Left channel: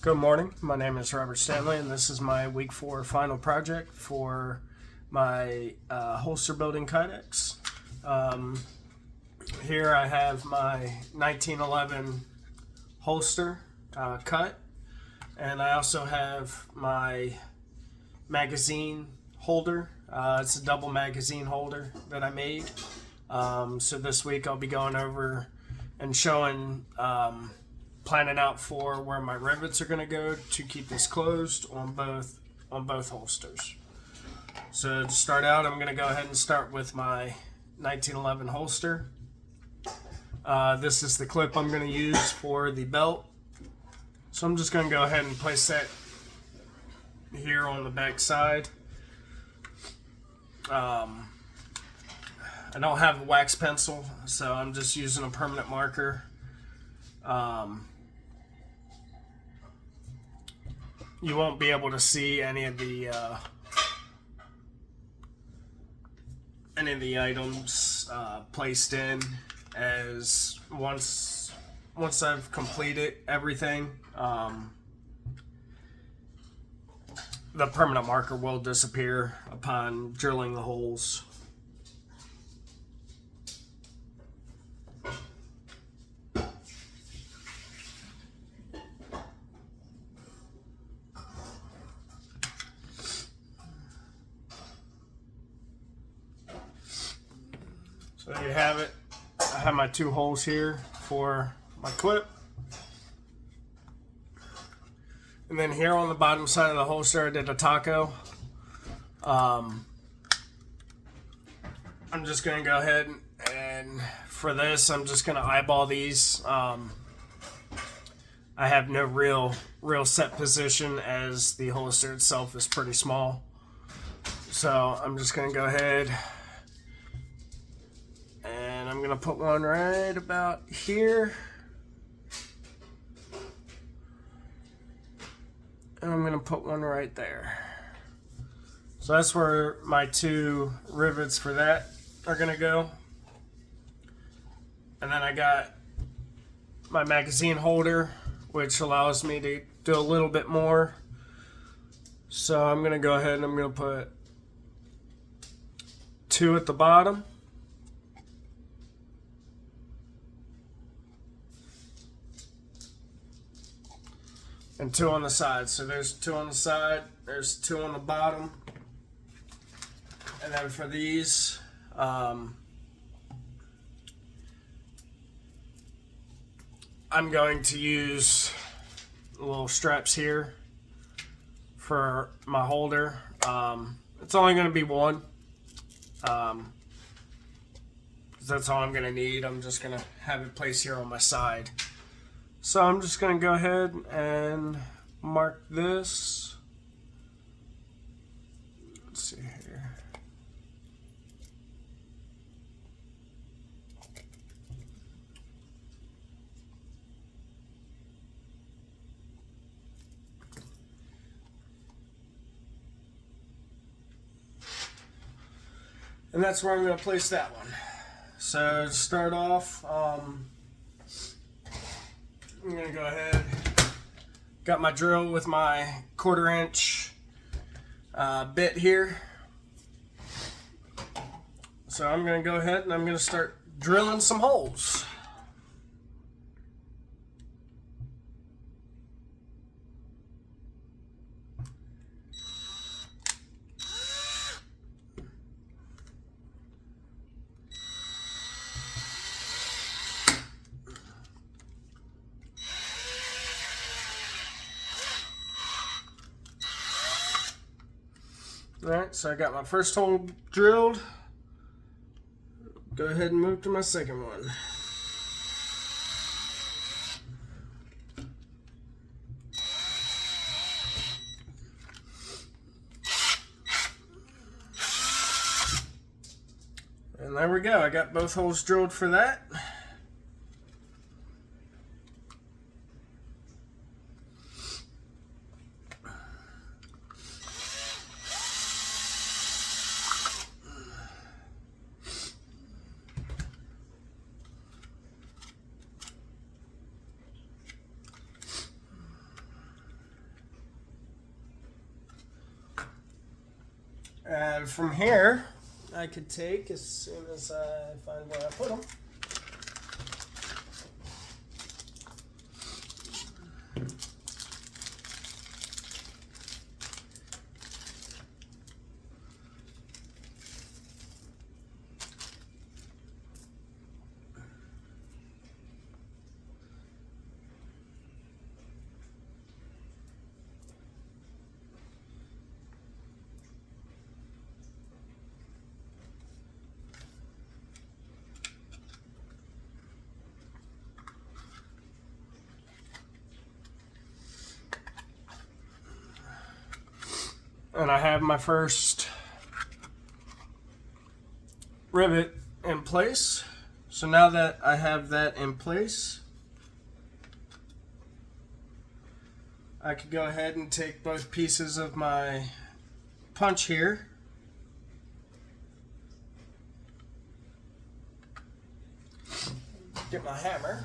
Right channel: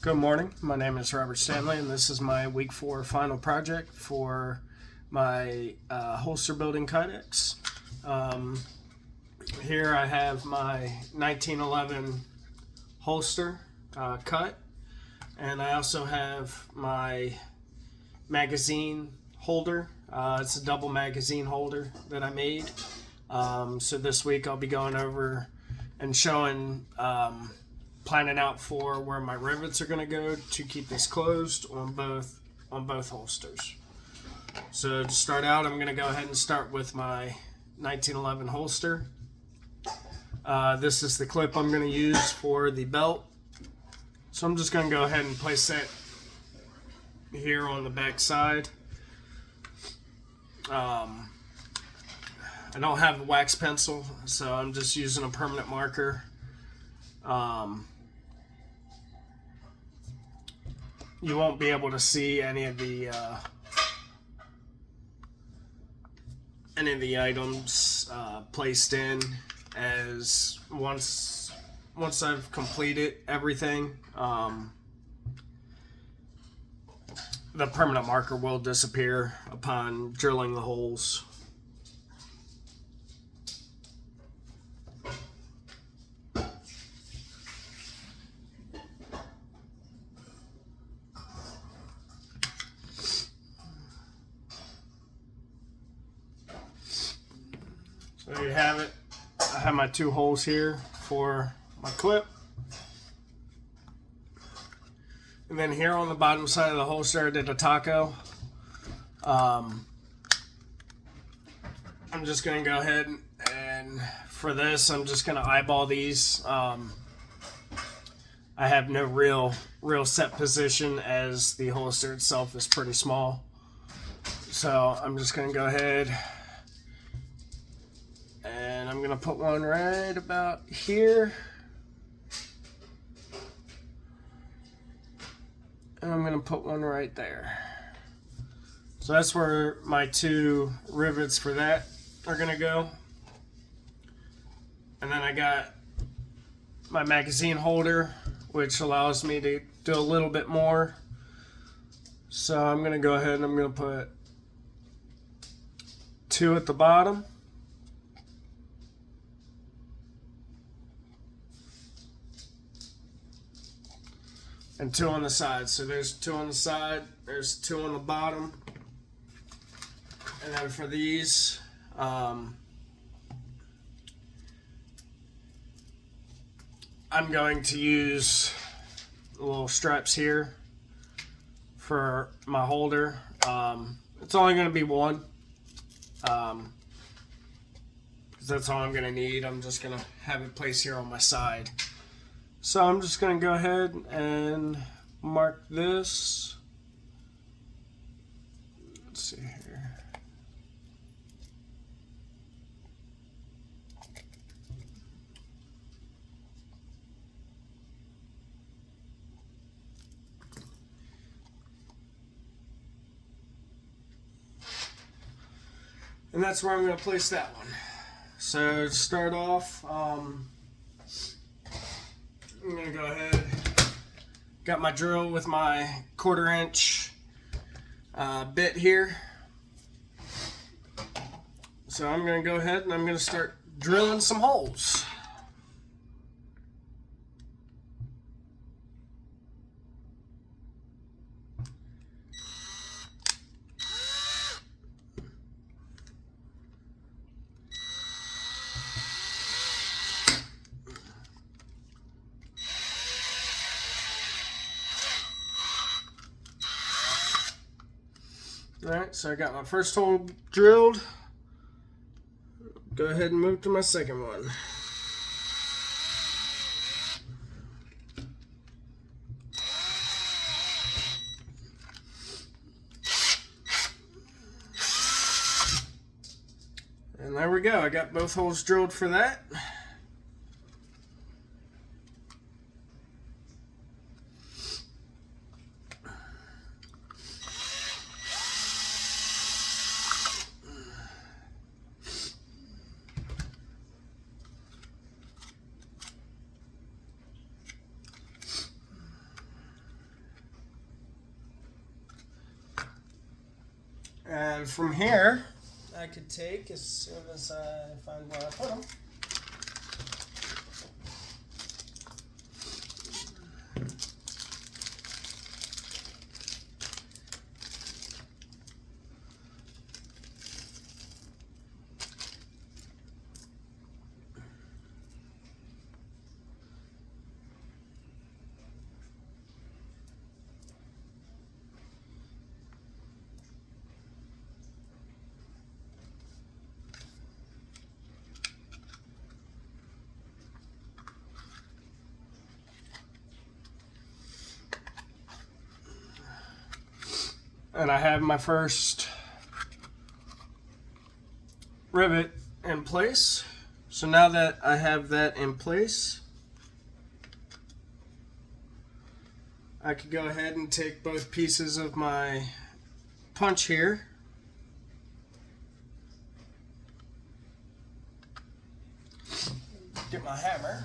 Good morning. My name is Robert Stanley, and this is my week 4 final project for my holster building kydex. Here I have my 1911 holster cut, and I also have my magazine holder. It's a double magazine holder that I made. So this week I'll be going over and showing planning out for where my rivets are going to go to keep this closed on both holsters. So to start out, I'm going to go ahead and start with my 1911 holster. This is the clip I'm going to use for the belt. So I'm just going to go ahead and place that here on the back side. I don't have a wax pencil, so I'm just using a permanent marker. You won't be able to see any of the items placed in, as once I've completed everything, the permanent marker will disappear upon drilling the holes. So there you have it. I have my 2 holes here for my clip. And then here on the bottom side of the holster, I did a taco. I'm just going to go ahead and for this, I'm just going to eyeball these. I have no real set position, as the holster itself is pretty small. So I'm just going to go ahead and I'm going to put one right about here. And I'm going to put one right there. So that's where my 2 rivets for that are going to go. And then I got my magazine holder, which allows me to do a little bit more. So I'm going to go ahead and I'm going to put 2 at the bottom. And 2 on the side. So there's 2 on the side, there's 2 on the bottom. And then for these, I'm going to use little straps here for my holder. It's only going to be one, because that's all I'm going to need. I'm just going to have it placed here on my side. So I'm just going to go ahead and mark this. Let's see here. And that's where I'm going to place that one. So to start off, I'm going to go ahead, got my drill with my 1/4 inch bit here. So I'm going to go ahead and I'm going to start drilling some holes. Alright, so I got my first hole drilled. Go ahead and move to my second one. And there we go. I got both holes drilled for that. And from here, I could take, as soon as I find where I put them, and I have my first rivet in place. So now that I have that in place, I could go ahead and take both pieces of my punch here, get my hammer,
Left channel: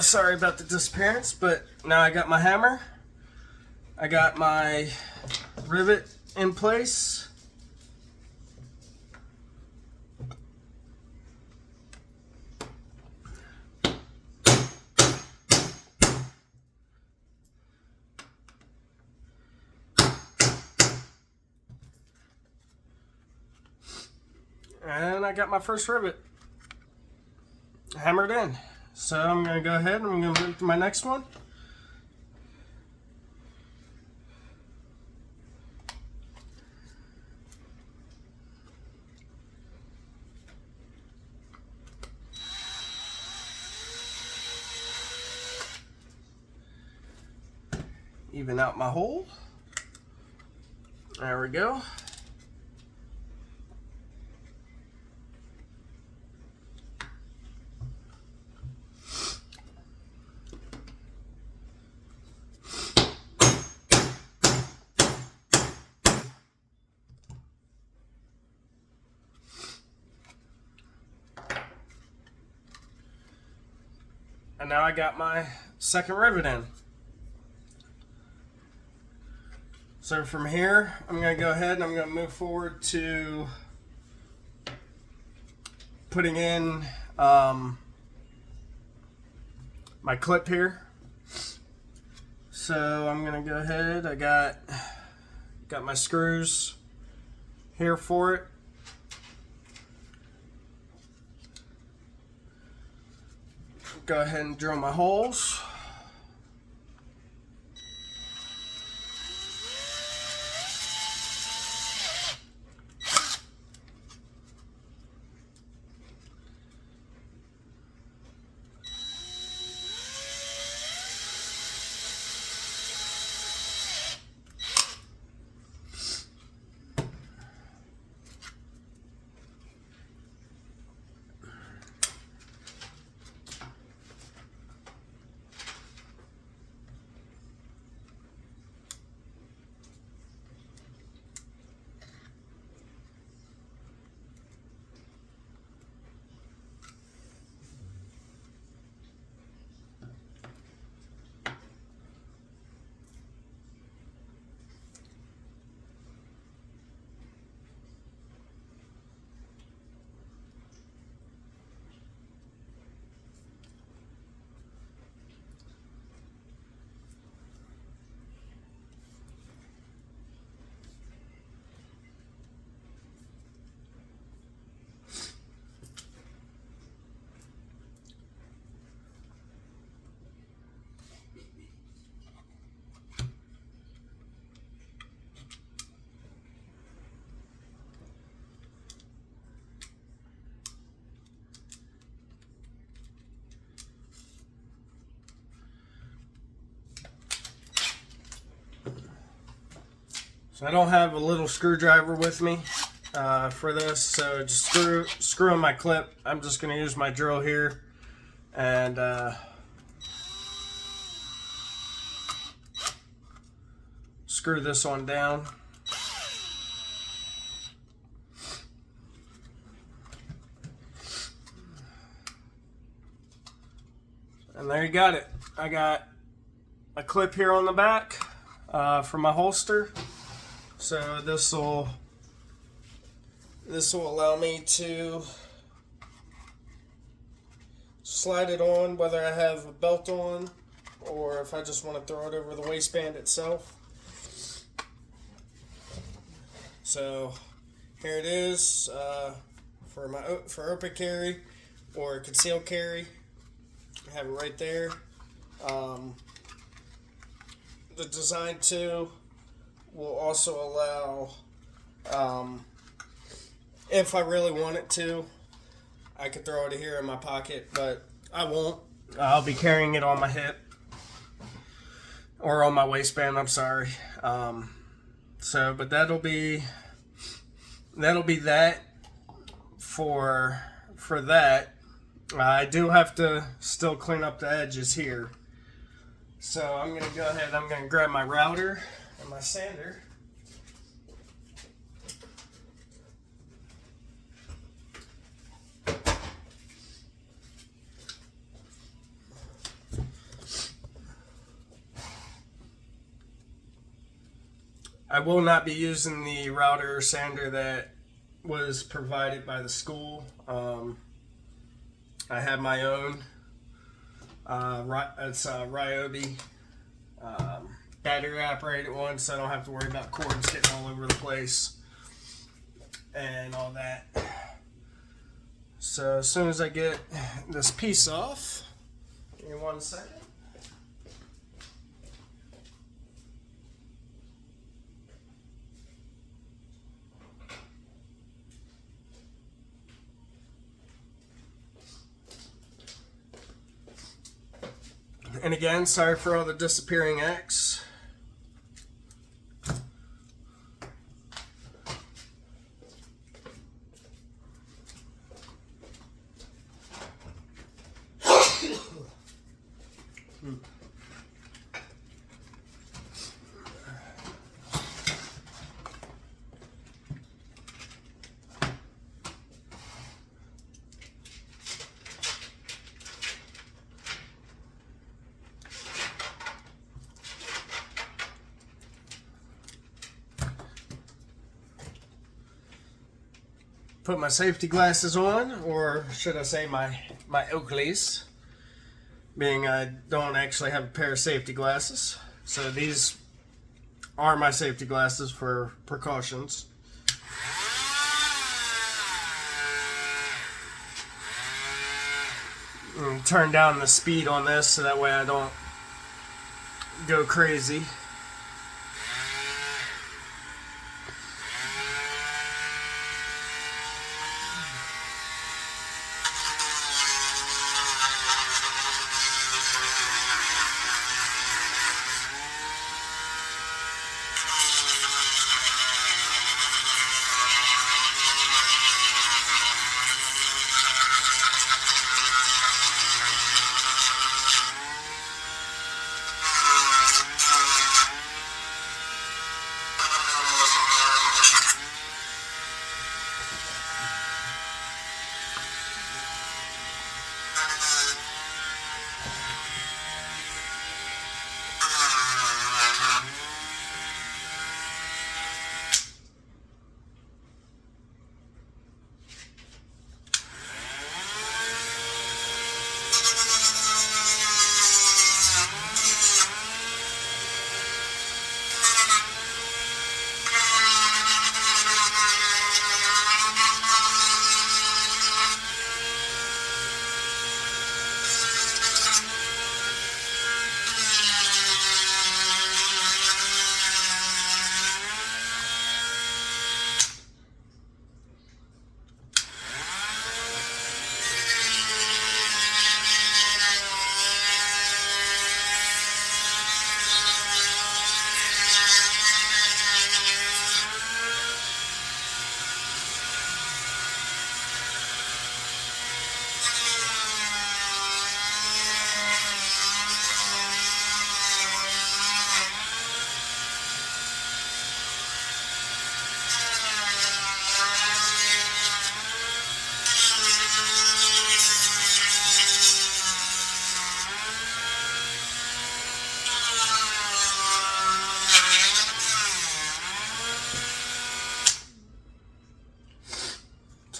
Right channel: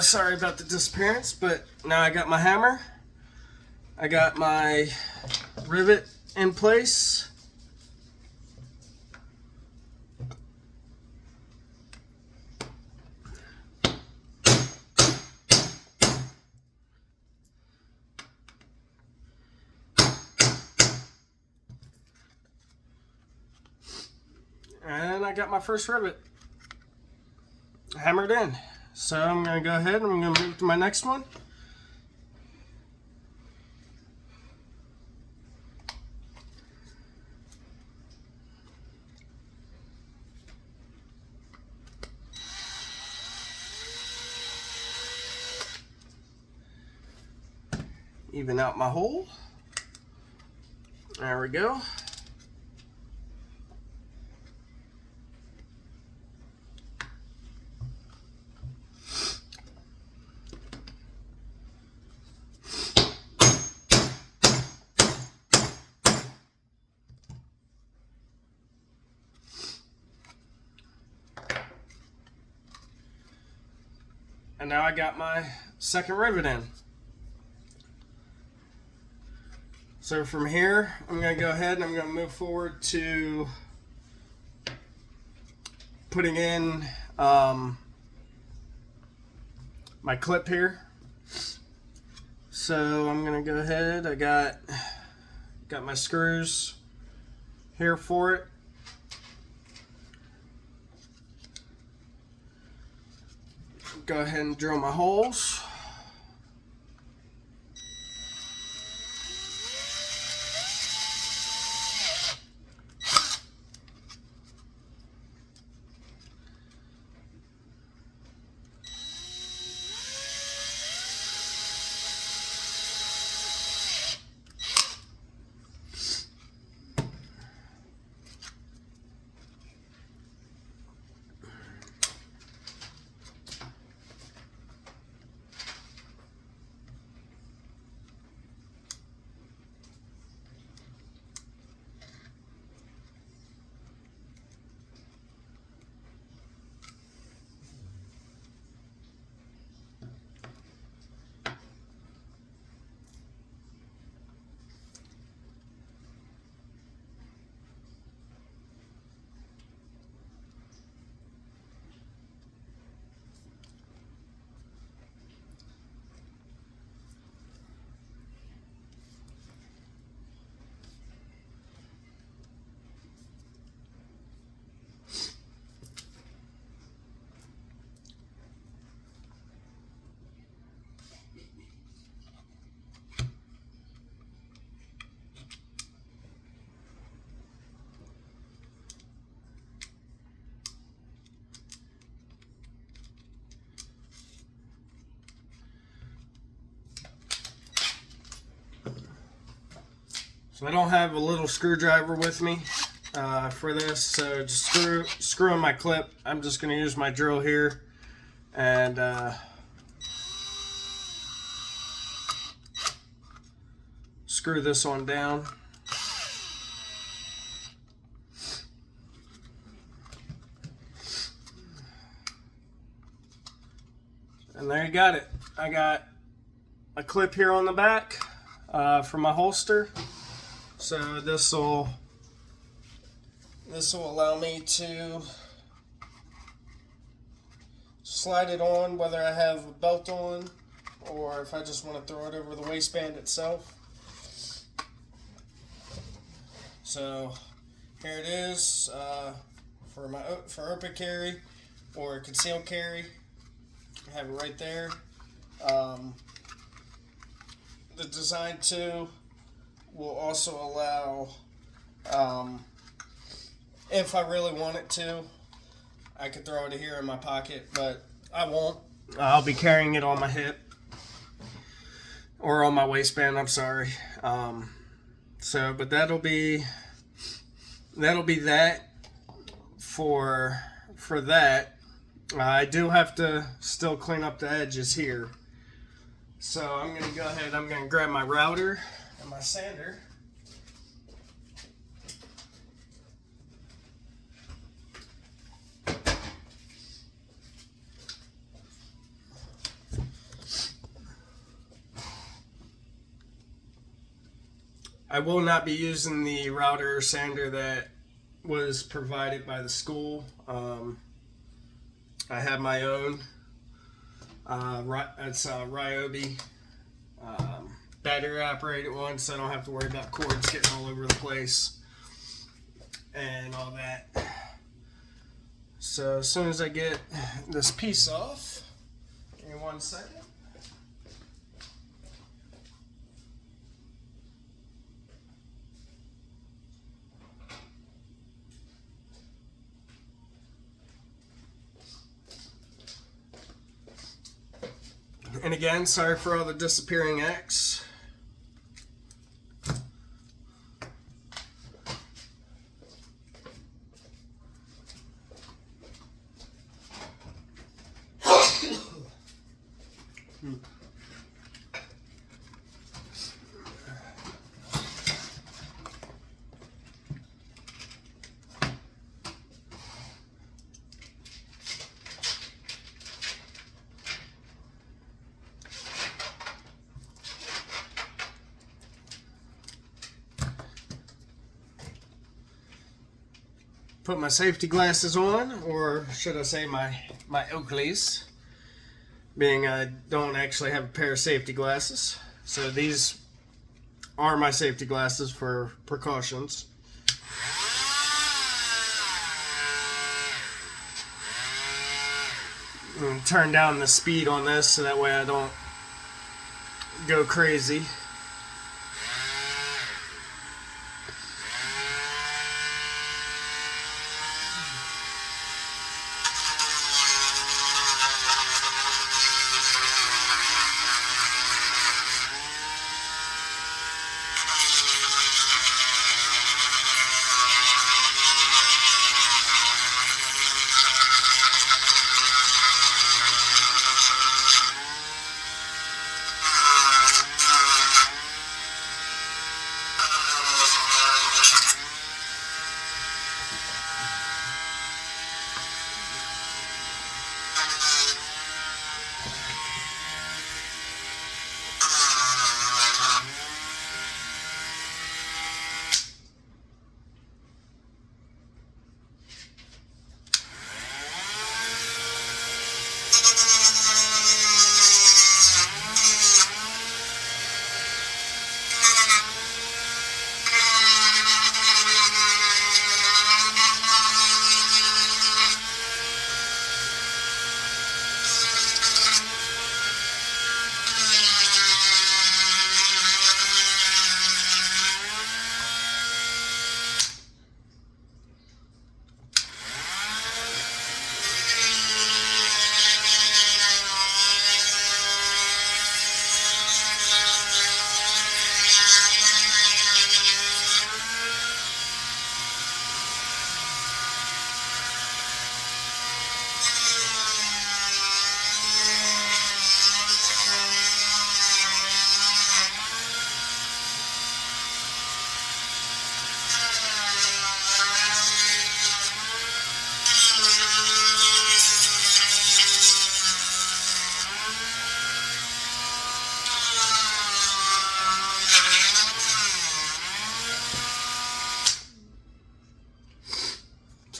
sorry about the disappearance, but now I got my hammer, I got my rivet in place, and I got my first rivet hammered in. So I'm going to go ahead and I'm going to move to my next one. Even out my hole. There we go. And now I got my second rivet in. So from here, I'm going to go ahead and I'm going to move forward to putting in my clip here. So I'm going to go ahead, I got my screws here for it. Go ahead and drill my holes. So I don't have a little screwdriver with me for this, so just screw in my clip. I'm just going to use my drill here and screw this one down. And there you got it. I got a clip here on the back for my holster. So this will allow me to slide it on whether I have a belt on or if I just want to throw it over the waistband itself. So here it is for open carry or concealed carry. I have it right there. The Design 2 will also allow, if I really wanted to, I could throw it here in my pocket, but I won't. I'll be carrying it on my hip or on my waistband. I'm sorry. But that'll be that for that. I do have to still clean up the edges here. So I'm going to go ahead, I'm going to grab my router and my sander. I will not be using the router or sander that was provided by the school. I have my own. It's a Ryobi battery operated one, so I don't have to worry about cords getting all over the place and all that. So as soon as I get this piece off, give me 1 second. And again, sorry for all the disappearing X. Put my safety glasses on, or should I say my Oakleys, being I don't actually have a pair of safety glasses. So these are my safety glasses for precautions. And turn down the speed on this so that way I don't go crazy.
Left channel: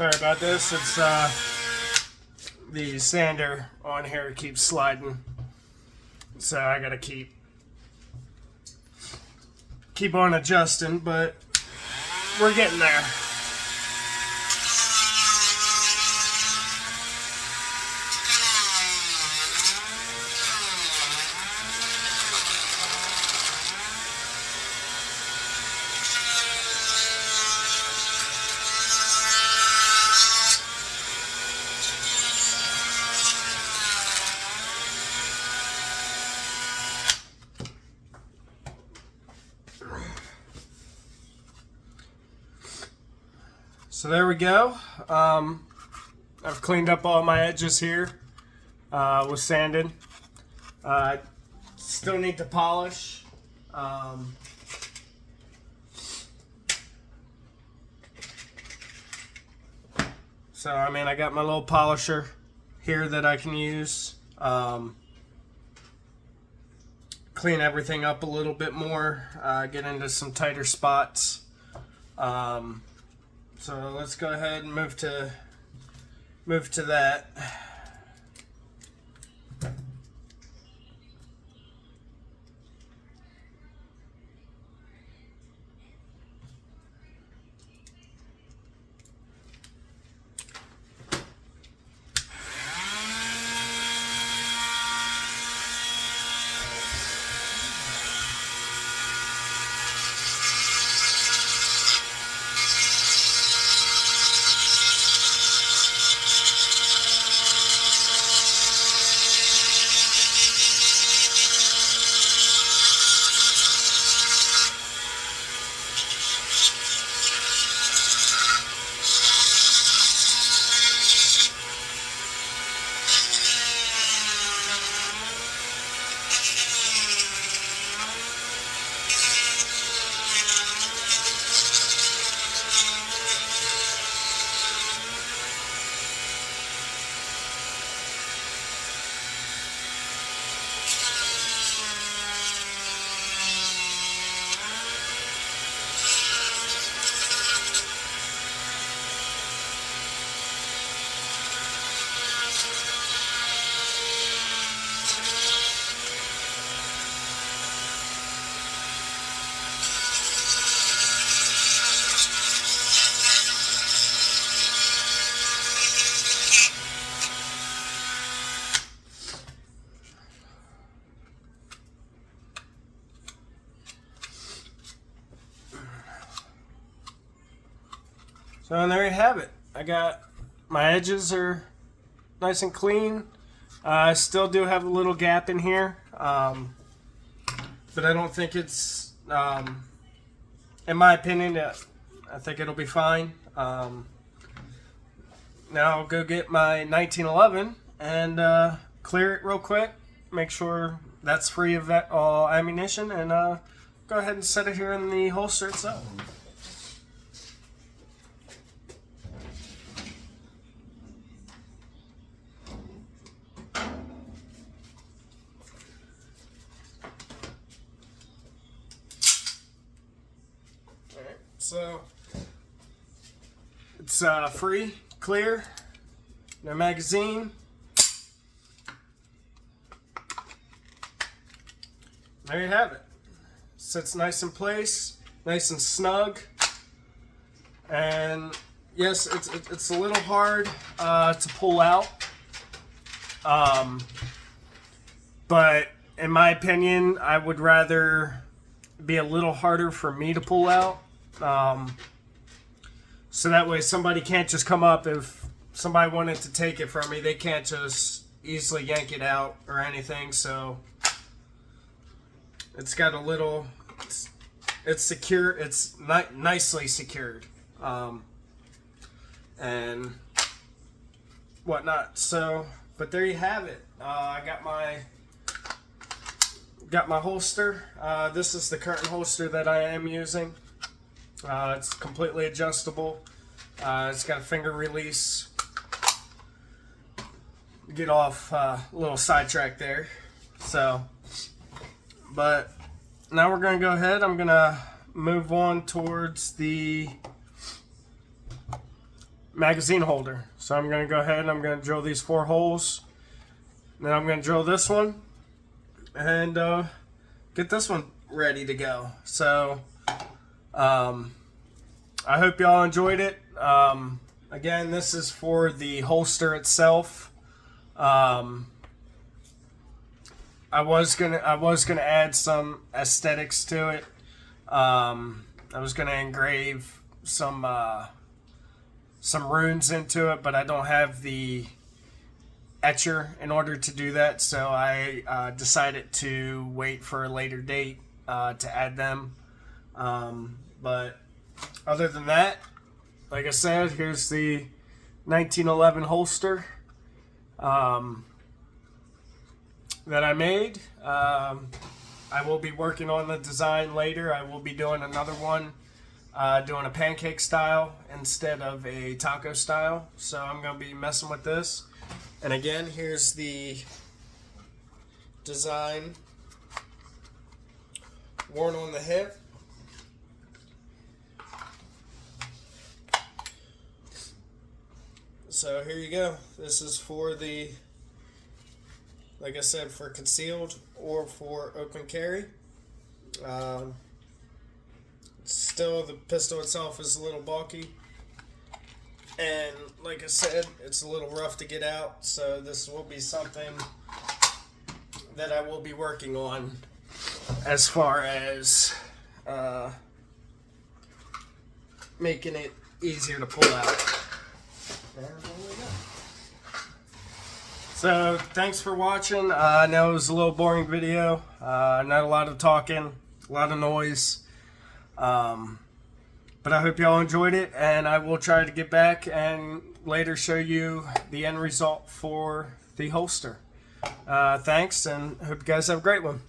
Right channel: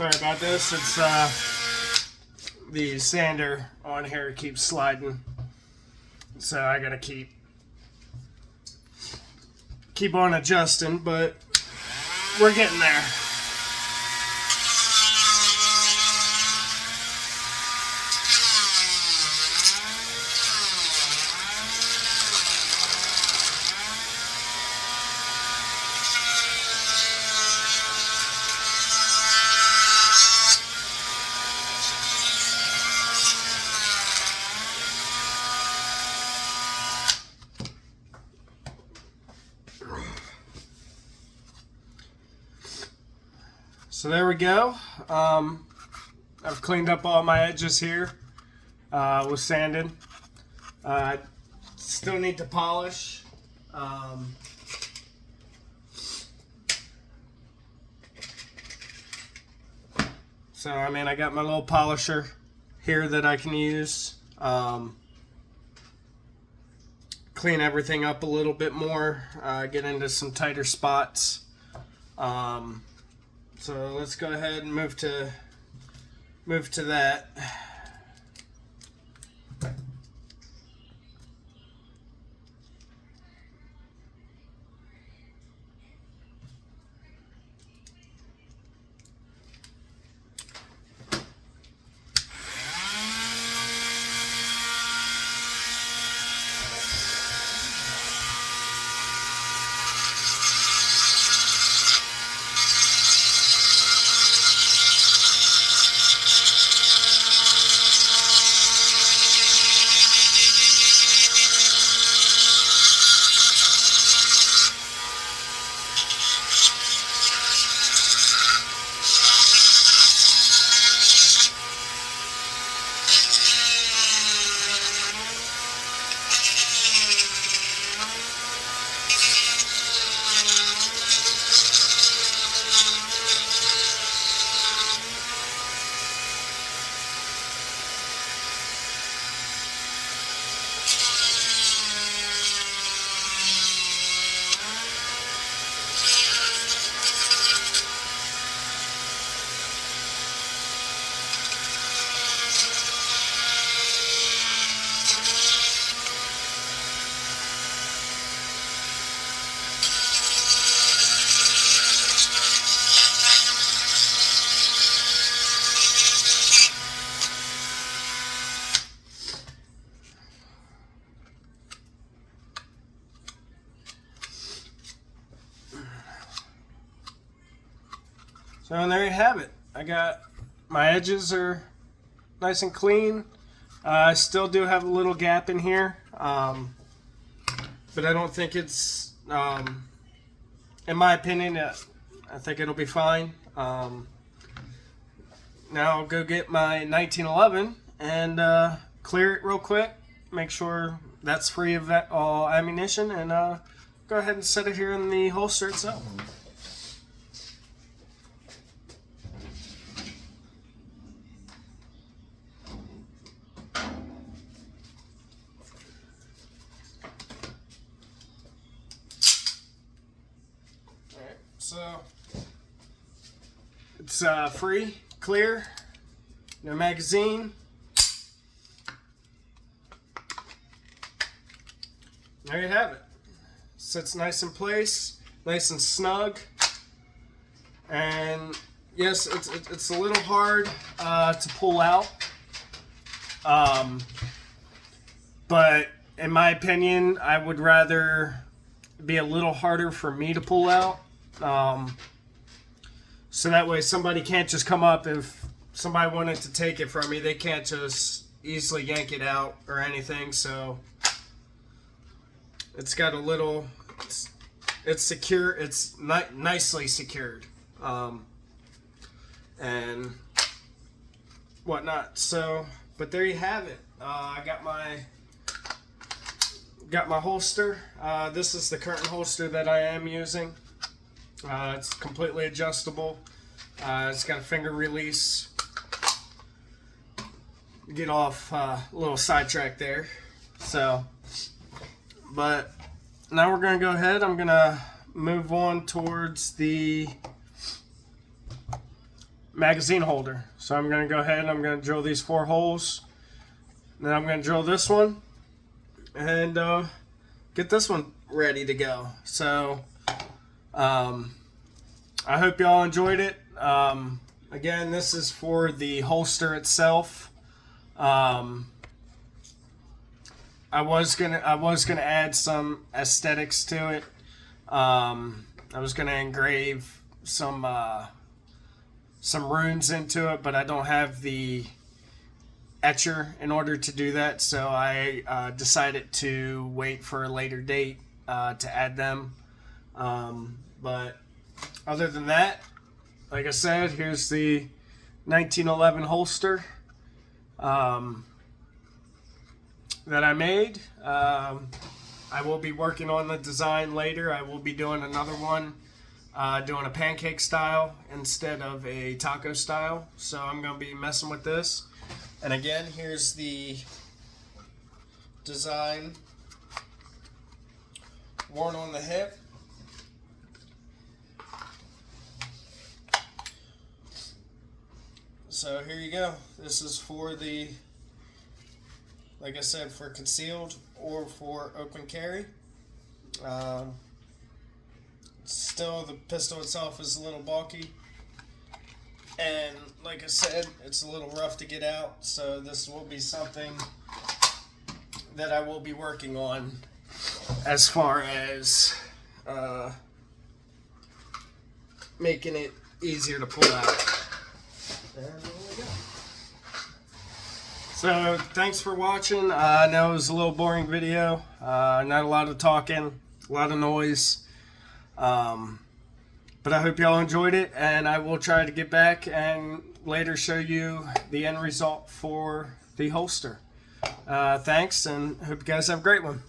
Sorry about this. It's the sander on here keeps sliding, so I gotta keep on adjusting, but we're getting there. So there we go. I've cleaned up all my edges here with sanding. Still need to polish. So I mean, I got my little polisher here that I can use. Clean everything up a little bit more. Get into some tighter spots. So let's go ahead and move to that. So and there you have it. I got my edges are nice and clean. I still do have a little gap in here, but I don't think it's, in my opinion, I think it'll be fine. Now I'll go get my 1911 and clear it real quick. Make sure that's free of that ammunition, and go ahead and set it here in the holster itself. So it's free, clear, no magazine. There you have it. Sits nice in place, nice and snug. And yes, it's a little hard to pull out, but in my opinion, I would rather be a little harder for me to pull out. So that way somebody can't just come up. If somebody wanted to take it from me, they can't just easily yank it out or anything. So it's got a little, it's secure, it's nicely secured, and whatnot. So, but there you have it. I got my holster. This is the current holster that I am using. It's completely adjustable. It's got a finger release. Get off a little sidetrack there. So, but now we're going to go ahead. I'm going to move on towards the magazine holder. So I'm going to go ahead and I'm going to drill these 4 holes. Then I'm going to drill this one and get this one ready to go. So I hope y'all enjoyed it. Again, this is for the holster itself. I was gonna add some aesthetics to it. I was gonna engrave some runes into it, but I don't have the etcher in order to do that, so I decided to wait for a later date to add them. But other than that, like I said, here's the 1911 holster that I made. I will be working on the design later. I will be doing another one, doing a pancake style instead of a taco style. So I'm going to be messing with this. And again, here's the design worn on the hip. So here you go. This is for the, like I said, for concealed or for open carry. Still, the pistol itself is a little bulky. And like I said, it's a little rough to get out. So this will be something that I will be working on as far as making it easier to pull out. There we go. So thanks for watching. I know it was a little boring video. Not a lot of talking, a lot of noise. But I hope y'all enjoyed it, and I will try to get back and later show you the end result for the holster. Thanks, and hope you guys have a great one.